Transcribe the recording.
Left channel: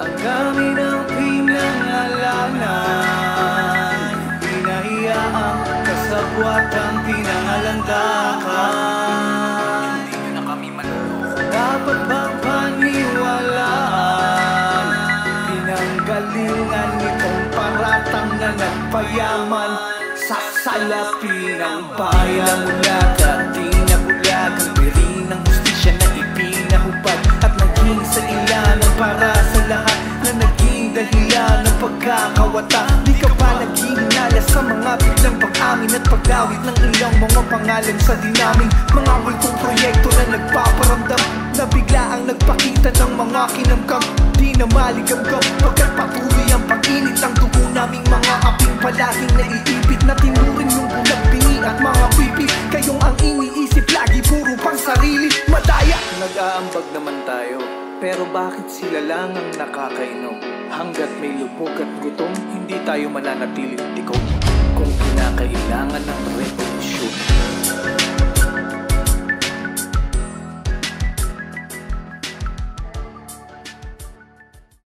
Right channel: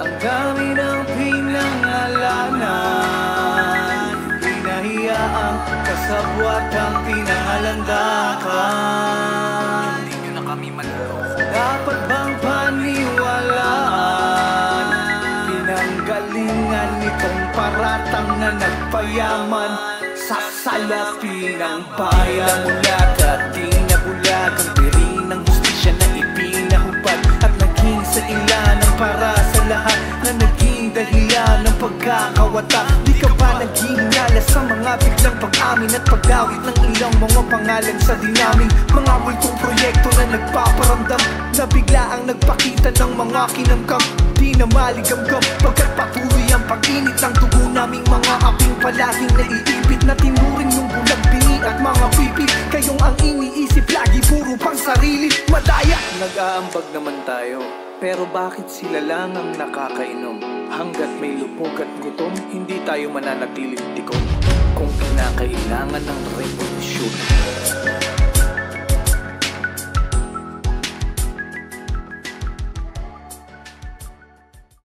Ang dami ng pinangalanan, pinahiyaang kasabwatang pinangalandakan. Hindi nyo na kami manloko. Dapat bang paniwalaan? Pinanggalingan nitong paratang na nagpayaman sa salapi ng bayan. Namulag at di nabulag ang piri ng hustisya na ipinahubad, at naging sa ilalang para sa lahat na naging dahilan ng pagkakawata. Di ka pa naghihinala sa mga biglang pag-amin at pagdawit ng ilang mga pangalan sa dinaming mga multong proyekto na nagpaparamdam, na bigla ang nagpakita ng mga kinamkam. Di na maligamgam pagkat patuloy ang pag-init ng dugo naming mga aping palaging naiibit, na tinuring yung bulag bingi at mga pipi. Kayong ang iniisip lagi puro pang sarili, madaya. Nag-aambag naman tayo, pero bakit sila lang ang nakakainom? Hanggat may lubog at gutom, hindi tayo mananatiling tikom. Kung kinakailangan ng revolusyon,